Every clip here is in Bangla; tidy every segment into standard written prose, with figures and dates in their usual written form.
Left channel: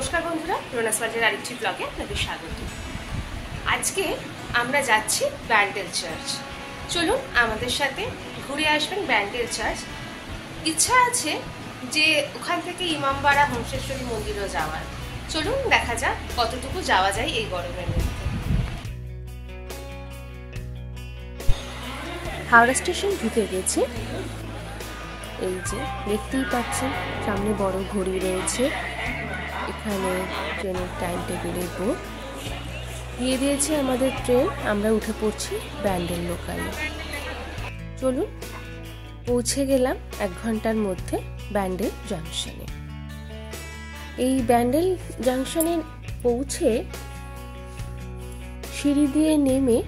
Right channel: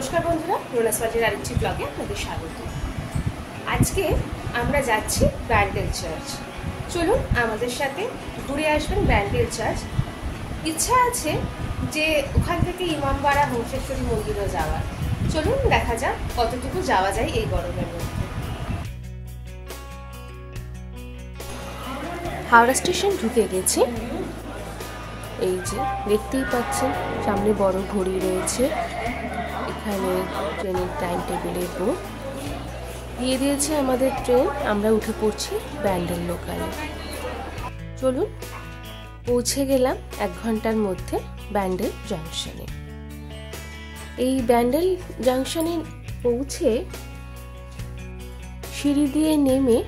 নমস্কার বন্ধুরা, রোনাস ওয়ার্ল্ডের আরেকটি ব্লগে আপনাদের স্বাগত। আজকে আমরা যাচ্ছি ব্যান্ডেল চার্চ। চলুন আমাদের সাথে ঘুরে আসবেন ব্যান্ডেল চার্চ। ইচ্ছা আছে যে ওখান থেকে ইমামবাড়া হংসেশ্বরী মন্দিরও যাওয়ার। চলুন দেখা যাক কতটুকু যাওয়া যায় এই গরমের মধ্যে। হাওড়া স্টেশন ঢুকে গেছে। এই যে দেখতেই পাচ্ছেন সামনে বড় ঘড়ি রয়েছে, এখানে ট্রেনের টাইম টেবিলের বোর্ড দিয়ে দিয়েছে আমাদের ট্রেন। আমরা উঠে পড়ছি ব্যান্ডেল লোকালে। চলুন, পৌঁছে গেলাম 1 ঘন্টার মধ্যে ব্যান্ডেল জাংশনে। এই ব্যান্ডেল জাংশনে পৌঁছে সিঁড়ি দিয়ে নেমে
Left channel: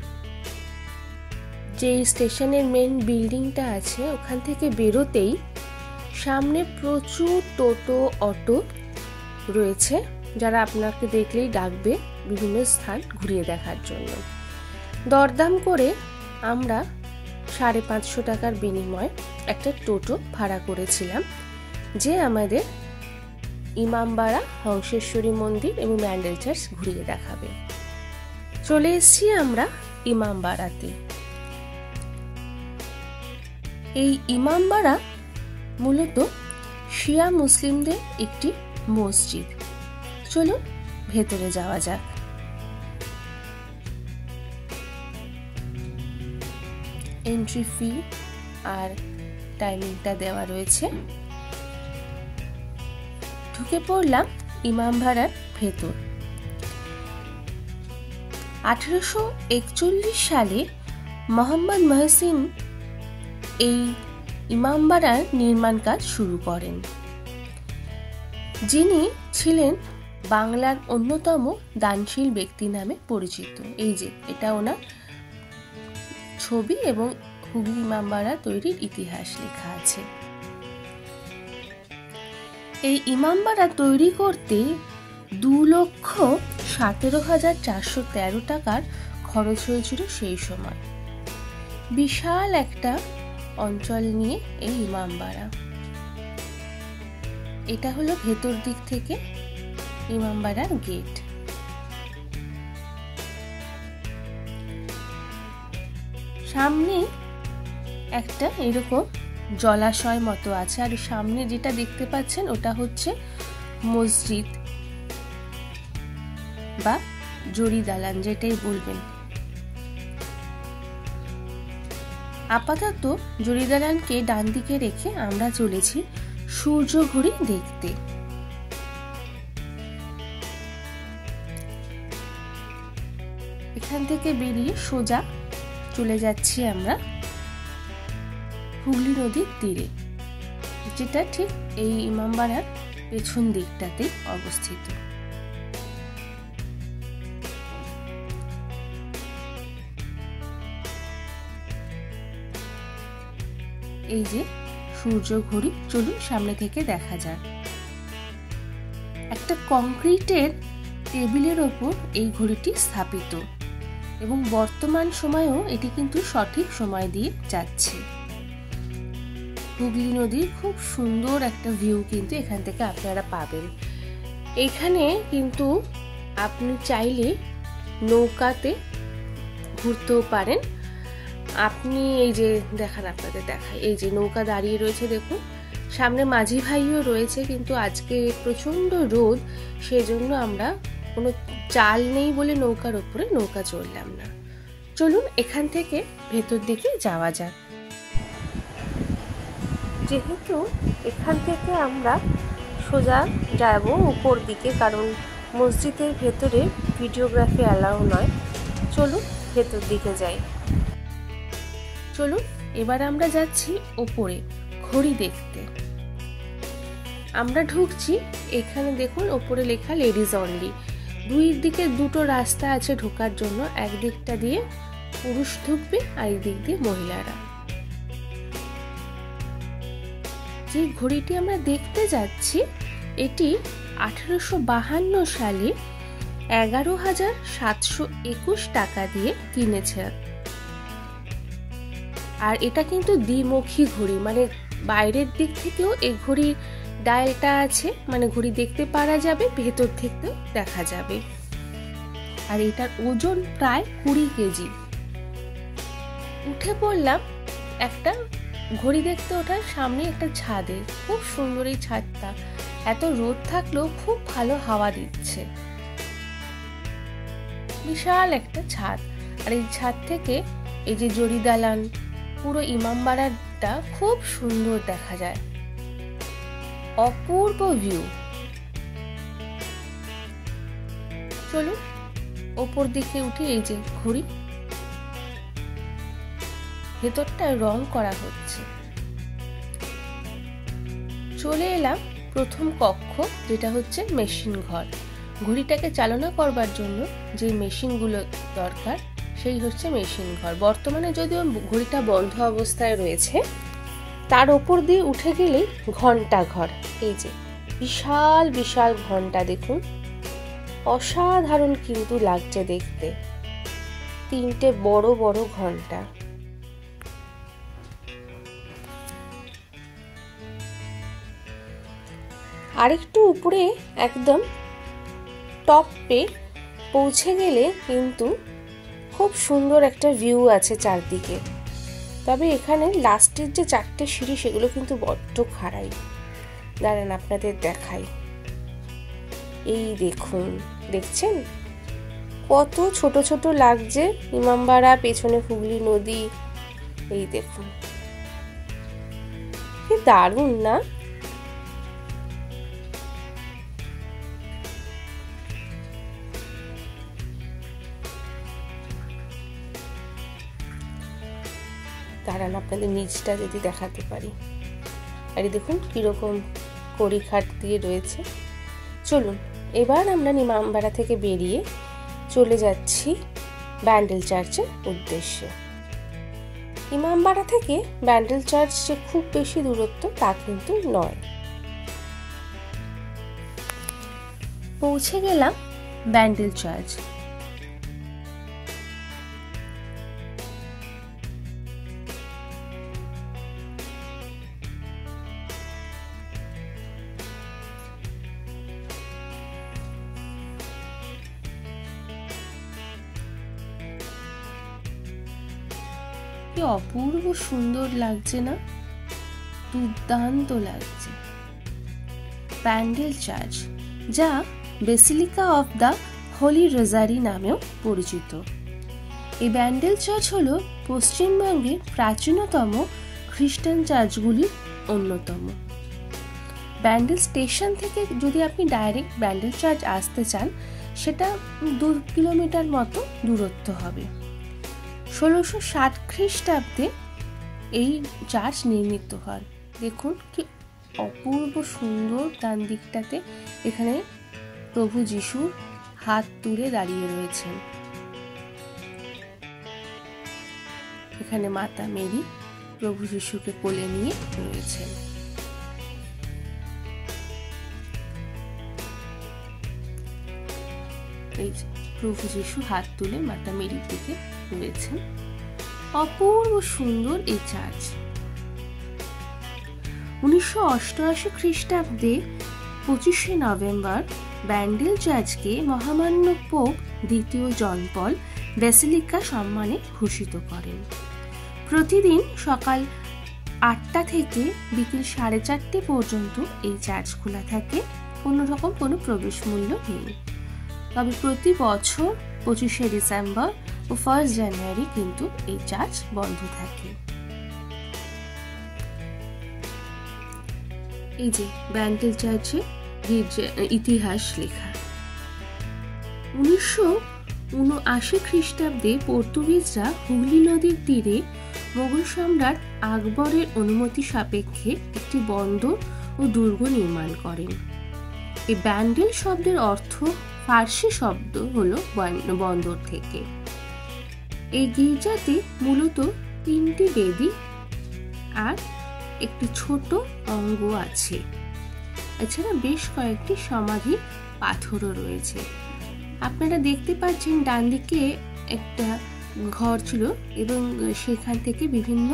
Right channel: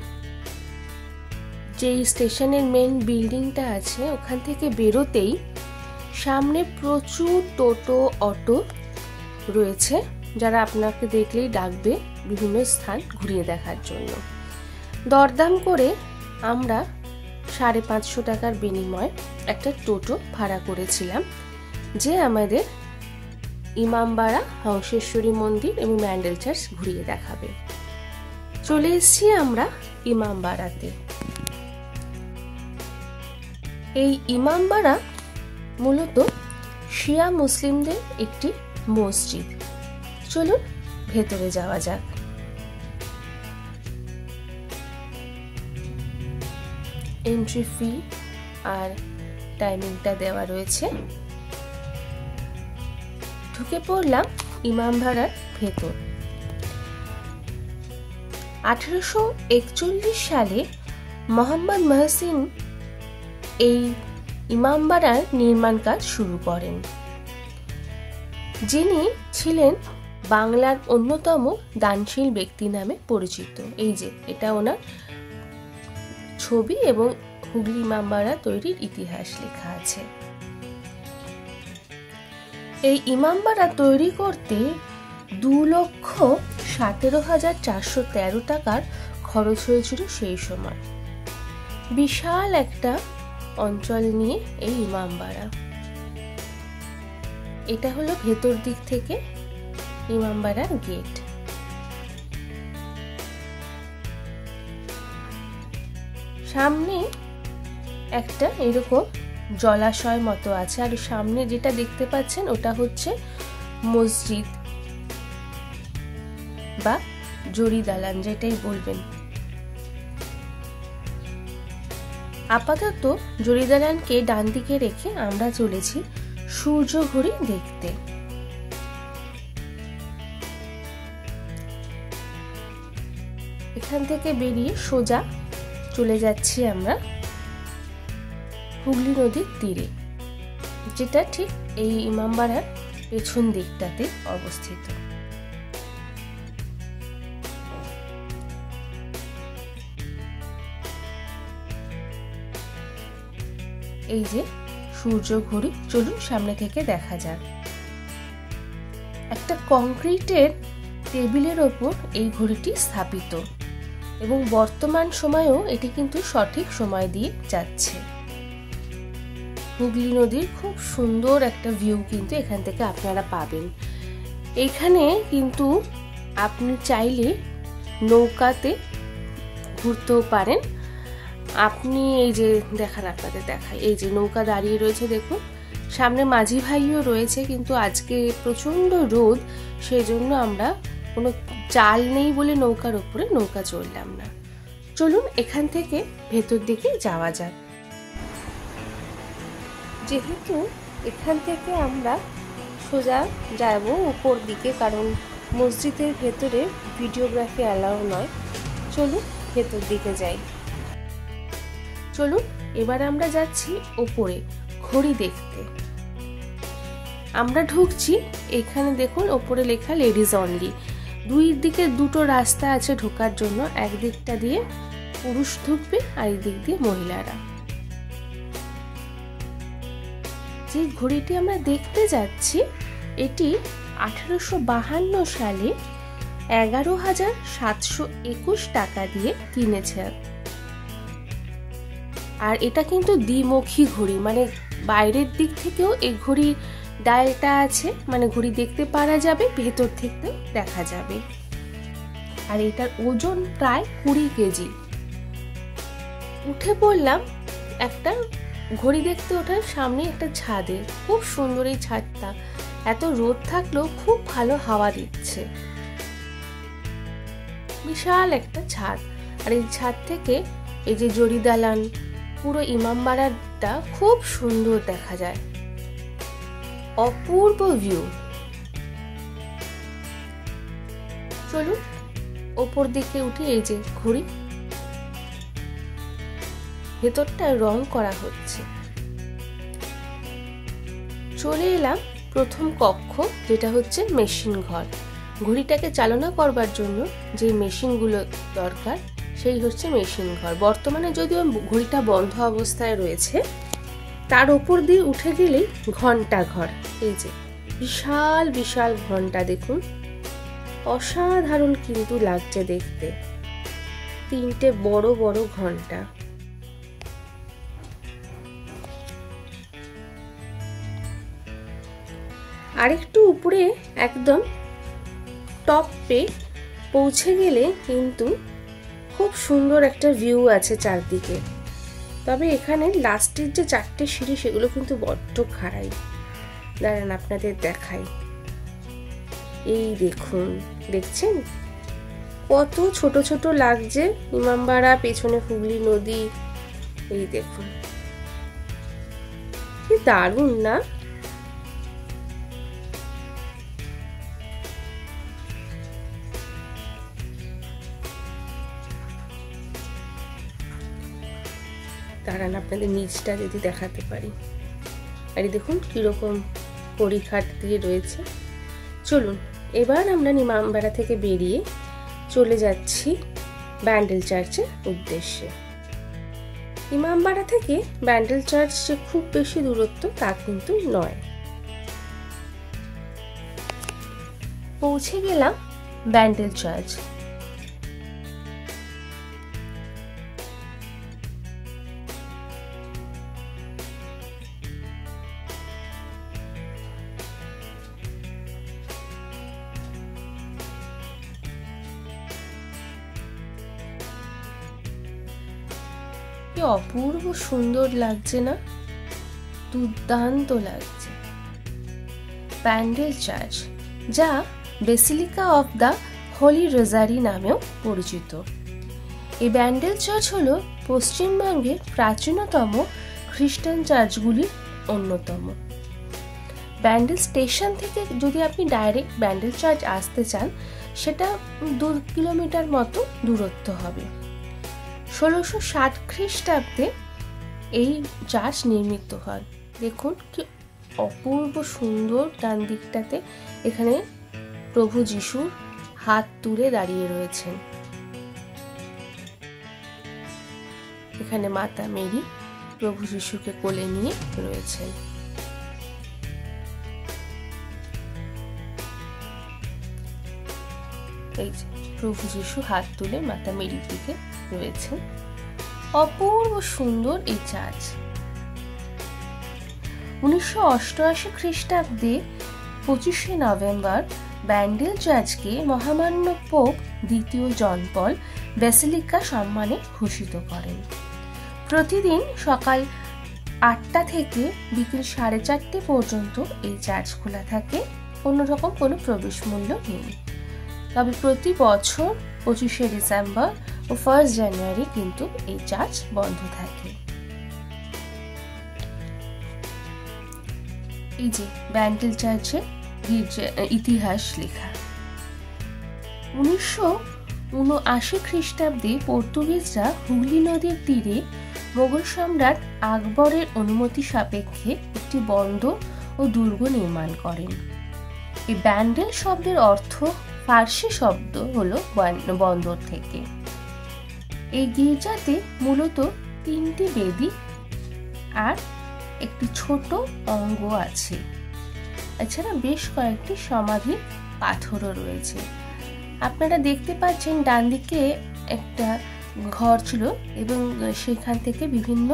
যে স্টেশনের মেন বিল্ডিংটা আছে ওখান থেকে বেরোতেই সামনে প্রচুর টোটো অটো রয়েছে, যারা আপনাকে দেখলেই ডাকবে বিভিন্ন স্থান ঘুরিয়ে দেখার জন্য। দরদাম করে আমরা 550 টাকার বিনিময়ে একটা টোটো ভাড়া করেছিলাম, যে আমাদের ইমামবাড়া, হংসেশ্বরী মন্দির এবং ব্যান্ডেল চার্চ ঘুরিয়ে দেখাবে। চলে এসেছি আমরা ইমামবাড়াতে। এই ইমামবাড়া মূলত শিয়া মুসলিমদের একটি মসজিদ। চলুন ভেতরে যাওয়া যাক। এন্ট্রি ফি আর টাইমিংটা দেওয়া রয়েছে। ঢুকে পড়লাম ইমামবাড়ার ভেতর। 1841 সালে মোহাম্মদ মহসিন এই ইমামবাড়ার নির্মাণ কাজ শুরু করেন, যিনি ছিলেন বাংলার অন্যতম দানশীল ব্যক্তি নামে পরিচিত। এই যে এটা ওনার ছবি এবং হুগলি ইমামবাড়া তৈরির ইতিহাস লেখা আছে। এই ইমামবাড়া তৈরি করতে 2,17,413 টাকার খরচ হয়েছিল সেই সময়। বিশাল একটা অঞ্চল নিয়ে এই ইমামবাড়া। এটা হলো ভেতর দিক থেকে ইমামবাড়ার গেট। সামনে একটা এরকম জলাশয় মতো আছে, আর সামনে যেটা দেখতে পাচ্ছেন ওটা হচ্ছে মসজিদ বা জরি দালান, যেটাই বলবেন। আপাতত জরি দালানকে ডান দিকে রেখে আমরা চলেছি সূর্য ঘড়ি দেখতে। এখান থেকে বেরিয়ে সোজা চলে যাচ্ছি আমরা হুগলি নদীর তীরে, যেটা ঠিক এই ইমামবাড়ার পেছন দিকটাতে অবস্থিত। এই যে সূর্য ঘড়ি, চলুন সামনে থেকে দেখা যায়। একটা কংক্রিটের টেবিলের ওপর এই ঘড়িটি স্থাপিত এবং বর্তমান সময়েও এটি কিন্তু সঠিক সময় দিয়ে যাচ্ছে। হুগলি নদীর খুব সুন্দর একটা ভিউ কিন্তু এখান থেকে আপনারা পাবেন। এখানে কিন্তু আপনি চাইলে নৌকাতে ঘুরতেও পারেন। আপনি এই যে আপনাদের দেখাই, এই যে নৌকা দাঁড়িয়ে রয়েছে দেখুন, সামনে মাঝি ভাইও রয়েছে, কিন্তু আজকে প্রচন্ড রোদ, সেজন্য আমরা কোনো চাল নেই বলে নৌকার উপরে নৌকা চড়লাম না। চলুন এখান থেকে ভেতর দিকে যাওয়া যাক। যেহেতু এখান থেকে আমরা সোজা যাব উপর দিকে, কারণ মসজিদের ভেতরে ভিডিওগ্রাফি অ্যালাউ নয়। চলুন ভেতর দিকে যাই। চলুন এবার আমরা যাচ্ছি উপরে ঘড়ি দেখতে। আমরা ঢুকছি, এখানে দেখুন উপরে লেখা লেডিজ অনলি। দুই দিকে দুটো রাস্তা আছে ঢোকার জন্য, একদিকটা দিয়ে পুরুষ ঢুকবে আর একদিক দিয়ে মহিলারা। যে ঘড়িটি আমরা দেখতে যাচ্ছি এটি 1852 সালে 11,721 টাকা দিয়ে কিনেছে। আর এটা কিন্তু দ্বিমুখী ঘড়ি, মানে বাইরের দিক থেকেও এই ঘড়ি ডায়ালটা আছে, মানে ঘড়ি দেখতে পারা যাবে, ভেতর থেকে দেখা যাবে। আর এটার ওজন প্রায় 20 কেজি। উঠে পড়লাম একটা ঘড়ি দেখতে ওঠার সামনে একটা ছাদে। খুব সুন্দর এই ছাদটা, এত রোদ থাকলেও খুব ভালো হাওয়া দিচ্ছে। বিশাল একটা ছাদ, আর এই ছাদ থেকে এই যে জরি দালান, পুরো ইমামবাড়াটা খুব সুন্দর দেখা যায়। অপূর্ব ভিউ। চলুন ওপর দিকে উঠে, এই যে ঘড়ি, ভেতরটা রং করা হচ্ছে। চলে এলাম প্রথম কক্ষ, যেটা হচ্ছে মেশিন ঘর। ঘড়িটাকে চালনা করবার জন্য যে মেশিনগুলো দরকার, সেই হচ্ছে মেশিন ঘর। বর্তমানে যদিও ঘড়িটা বন্ধ অবস্থায় রয়েছে। তার উপর দিয়ে উঠে গেলে ঘন্টা ঘর। এই যে বিশাল বিশাল ঘন্টা, দেখুন অসাধারণ কিন্তু লাগছে দেখতে। 3টে বড় বড় ঘন্টা। আরেকটু উপরে একদম টপে পৌঁছে গেলে কিন্তু খুব সুন্দর একটা ভিউ আছে চারদিকে। তবে এখানে লাস্টের যে 4টে সিঁড়ি, সেগুলো কিন্তু বড্ড খাড়াই। দাঁড়ান আপনাদের দেখাই। এই দেখুন, দেখছেন কত ছোট ছোট লাগছে ইমামবাড়া, পেছনে হুগলি নদী। এই দেখুন কি দারুণ না? দাঁড়ান আপনাদের নিচটা যদি দেখাতে পারি। আর দেখুন কিরকম কড়িঘাট দিয়ে রয়েছে। চলুন এবার আমরা ইমামবাড়া থেকে বেরিয়ে চলে যাচ্ছি ব্যান্ডেল চার্চের উদ্দেশ্যে। ইমামবাড়া থেকে ব্যান্ডেল চার্চ যে খুব বেশি দূরত্ব তা কিন্তু নয়। পৌঁছে গেলাম ব্যান্ডেল চার্চ। অপূর্ব সুন্দর লাগছে না? দুর্দান্ত লাগছে। ব্যান্ডেল চার্চ, যা বেসিলিকা অফ দ্য হোলি রোজারি নামেও পরিচিত। এই ব্যান্ডেল চার্চ হলো পশ্চিমবঙ্গের প্রাচীনতম খ্রিস্টান চার্চগুলির অন্যতম। ব্যান্ডেল স্টেশন থেকে যদি আপনি ডাইরেক্ট ব্যান্ডেল চার্চ আসতে চান, সেটা 2 কিলোমিটার মতো দূরত্ব হবে। 1607 খ্রিস্টাব্দে এই চার্চ নির্মিত হয়। দেখুন কি অপূর্ব সুন্দর। ডান দিকটাতে এখানে প্রভু যিশু হাত তুলে দাঁড়িয়ে রয়েছেন। এখানে মাতা মেরি প্রভু যিশুকে কোলে নিয়ে রয়েছেন। এই যে প্রভু যিশু হাত তুলে মাতা মেরির দিকে রয়েছেন। অপূর্ব সুন্দর এই চার্চ। 1988 খ্রিস্টাব্দে 25শে নভেম্বর ব্যান্ডেল চার্চকে মহামান্য পোপ দ্বিতীয় জন পল বেসিলিকা সম্মানে ভূষিত করেন। প্রতিদিন সকাল 8টা থেকে বিকেল 4:30 পর্যন্ত এই চার্চ খোলা থাকে। কোনো রকম কোনো প্রবেশ মূল্য নেই। তবে প্রতি বছর 25শে ডিসেম্বর ও 1 জানুয়ারি কিন্তু এই চার্চ বন্ধ থাকে। এই যে ব্যান্ডেল চার্চের ইতিহাস লেখা। 1979 খ্রিস্টাব্দে পর্তুগিজরা হুগলি নদীর তীরে মোগল সম্রাট আকবরের অনুমতি সাপেক্ষে একটি বন্দর ও দুর্গ নির্মাণ করেন। এই ব্যান্ডেল শব্দের অর্থ ফার্সি শব্দ হলো বন্দর থেকে। এই গির্জাতে মূলত 3টি বেদি আর একটি ছোট অঙ্গ আছে। এছাড়া বেশ কয়েকটি সমাধি পাথরও রয়েছে। আপনারা দেখতে পাচ্ছেন ডান দিকে একটা ঘর ছিল এবং সেখান থেকে বিভিন্ন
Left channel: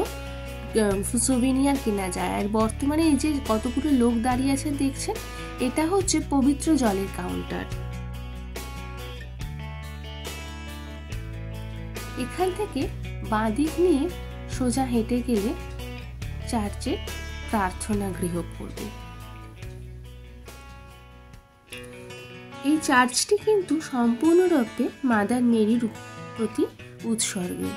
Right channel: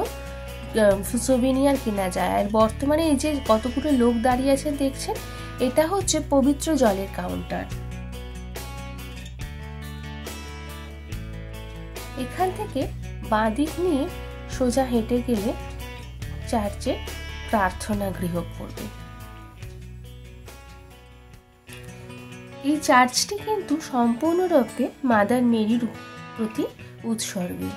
সুভিনিয়ার কেনা যায়। আর বর্তমানে এই যে কতগুলো লোক দাঁড়িয়ে আছে দেখছেন, এটা হচ্ছে পবিত্র জলের কাউন্টার। এখান থেকে বাঁ দিক নিয়ে সোজা হেঁটে গেলে চার্চে প্রার্থনা গৃহ পড়বে। এই চার্চটি কিন্তু সম্পূর্ণরূপে মাদার মেরির প্রতি উৎসর্গী।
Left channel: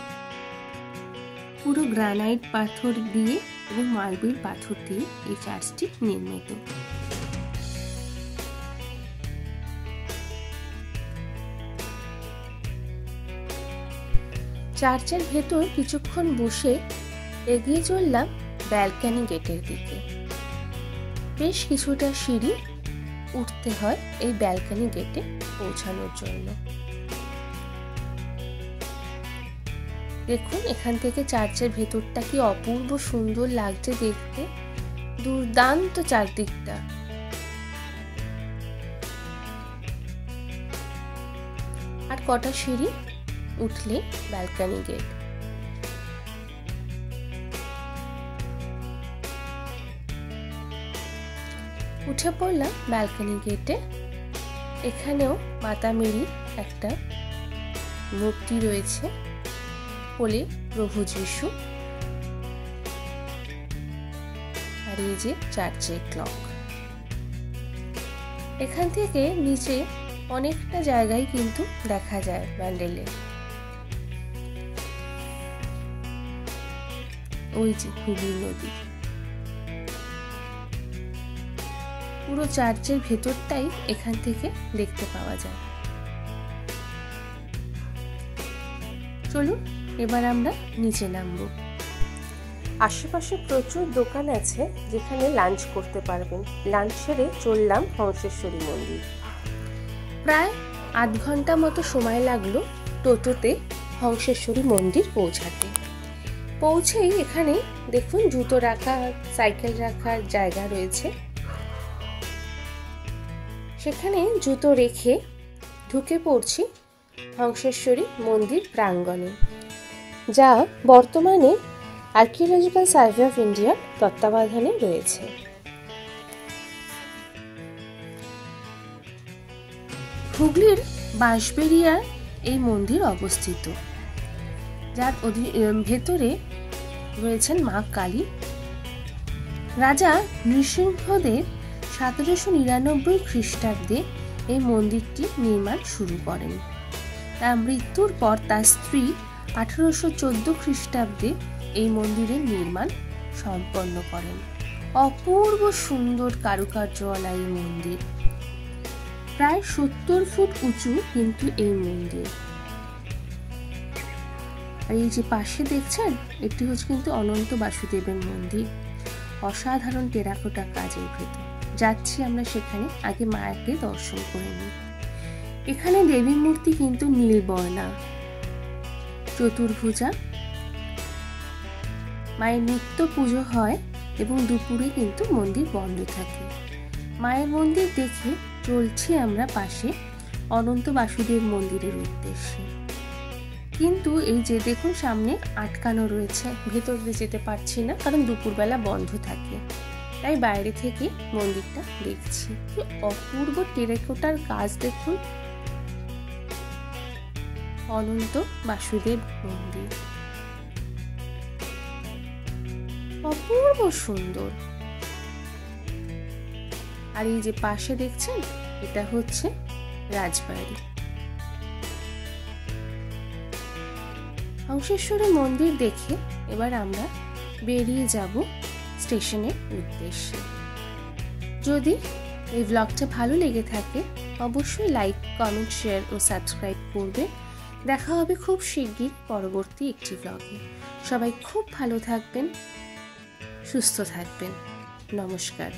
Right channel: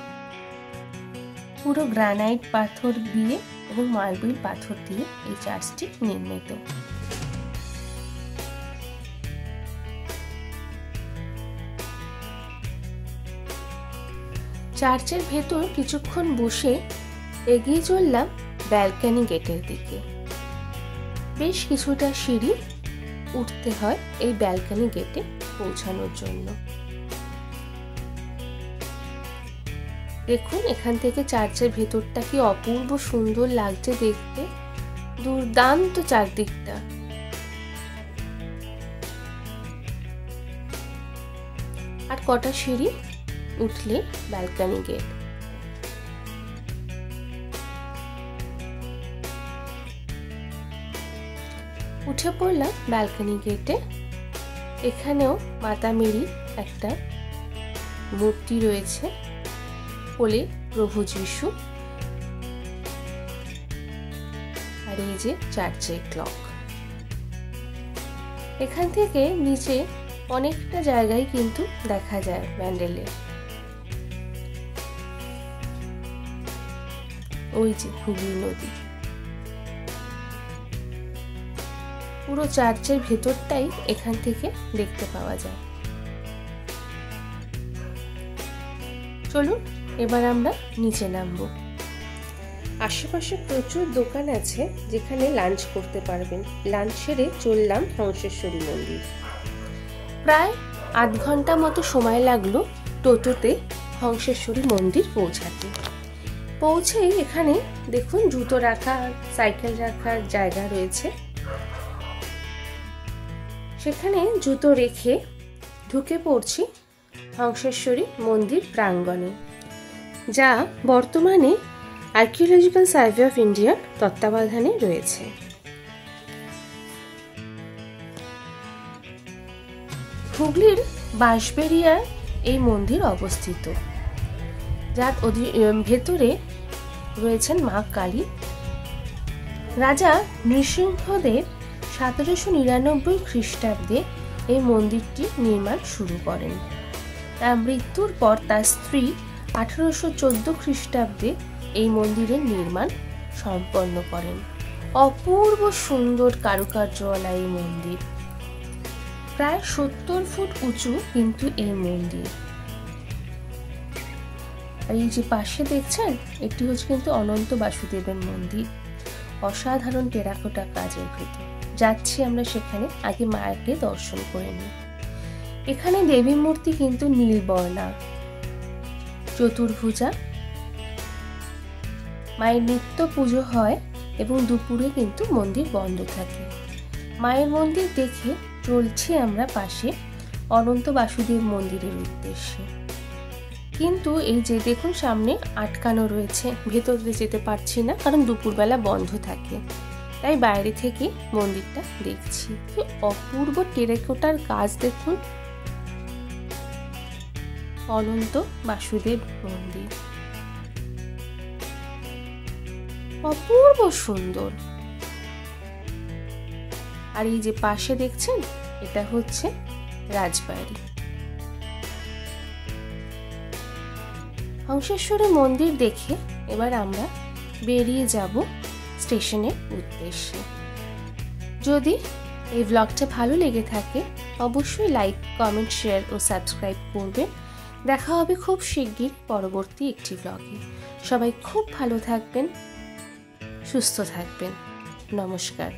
পুরো গ্রানাইট পাথর দিয়ে এবং মার্বেল পাথর দিয়ে এই চার্চটি নির্মিত। চার্চের ভেতর কিছুক্ষণ বসে এগিয়ে চললাম ব্যালকনি গেটের দিকে। বেশ কিছুটা সিঁড়ি উঠতে হয় এই ব্যালকনি গেটে পৌঁছানোর জন্য। দেখুন এখান থেকে চার্চের ভেতরটা কি অপূর্ব সুন্দর লাগছে দেখতে, দুর্দান্ত চারদিকটা। আর কটা সিঁড়ি উঠলে ব্যালকনি গেট। উঠে পড়লাম ব্যালকনি গেটে। এখানেও মাতা মেরি একটা মূর্তি রয়েছে, কোলে প্রভু যিশু, আর এই যে চার্চের ক্লক। এখান থেকে নিচে অনেকটা জায়গায় কিন্তু দেখা যায় প্যান্ডেলে। ওই যে হুগলি নদী। পুরো চার্চের ভেতরটাই এখান থেকে দেখতে পাওয়া যায়। চলুন এবার আমরা নিচে নামবো। আশেপাশে প্রচুর দোকান আছে যেখানে লাঞ্চ করতে পারবেন। লাঞ্চ সেরে চললাম হংসেশ্বরী মন্দির। প্রায় আধ ঘন্টা মতো সময় লাগলো টোটোতে হংসেশ্বরী মন্দির পৌঁছাতে। পৌঁছেই এখানে দেখুন জুতো রাখার, সাইকেল রাখার জায়গা রয়েছে। সেখানে জুতো রেখে ঢুকে পড়ছি হংসেশ্বরী মন্দির প্রাঙ্গণে, যা বর্তমানে আর্কিওলজিক্যাল সার্ভে অফ ইন্ডিয়ার তত্ত্বাবধানে রয়েছে। হুগলির বাঁশবেড়িয়ায় এই মন্দির অবস্থিত, যার ভেতরে রয়েছেন মা কালী। রাজা নৃসিংহদেব 1799 খ্রিস্টাব্দে এই মন্দিরটি নির্মাণ শুরু করেন। তার মৃত্যুর পর তার স্ত্রী 1814 খ্রিস্টাব্দে এই মন্দিরের নির্মাণ সম্পন্ন করেন। অপূর্ব সুন্দর কারুকার্যওয়ালা এই মন্দির। প্রায় 70 ফুট উঁচু কিন্তু এই মন্দির। এই যে পাশে দেখছেন, এটি হচ্ছে কিন্তু অনন্ত বাসুদেবের মন্দির। অসাধারণ টেরাকোটা কাজের ভেতর যাচ্ছি আমরা সেখানে। আগে মায়েরকে দর্শন করে নিই। এখানে দেবী মূর্তি কিন্তু নীলবর্ণা, চতুর্ভুজা। মায়ের নিত্য পুজো হয় এবং দুপুরে কিন্তু মন্দির বন্ধ থাকে। মায়ের মন্দির দেখে চলছি আমরা পাশে অনন্ত বাসুদেব মন্দিরের উদ্দেশ্যে। কিন্তু এই যে দেখুন সামনে আটকানো রয়েছে, ভেতরে যেতে পারছি না কারণ দুপুরবেলা বন্ধ থাকে, তাই বাইরে থেকে মন্দিরটা দেখছি। তো অপূর্ব টেরাকোটার কাজ দেখুন, অনন্ত বাসুদেব মন্দির অপূর্ব সুন্দর। আর এই যে পাশে দেখছেন, এটা হচ্ছে রাজবাড়ি। হংসেশ্বরী মন্দির দেখে এবার আমরা বেরিয়ে যাব স্টেশনের উদ্দেশ্যে। যদি এই ব্লগটা ভালো লেগে থাকে অবশ্যই লাইক, কমেন্ট, শেয়ার ও সাবস্ক্রাইব করবেন। দেখা হবে খুব শিগগির পরবর্তী একটি ব্লগে। সবাই খুব ভালো থাকবেন, সুস্থ থাকবেন। নমস্কার।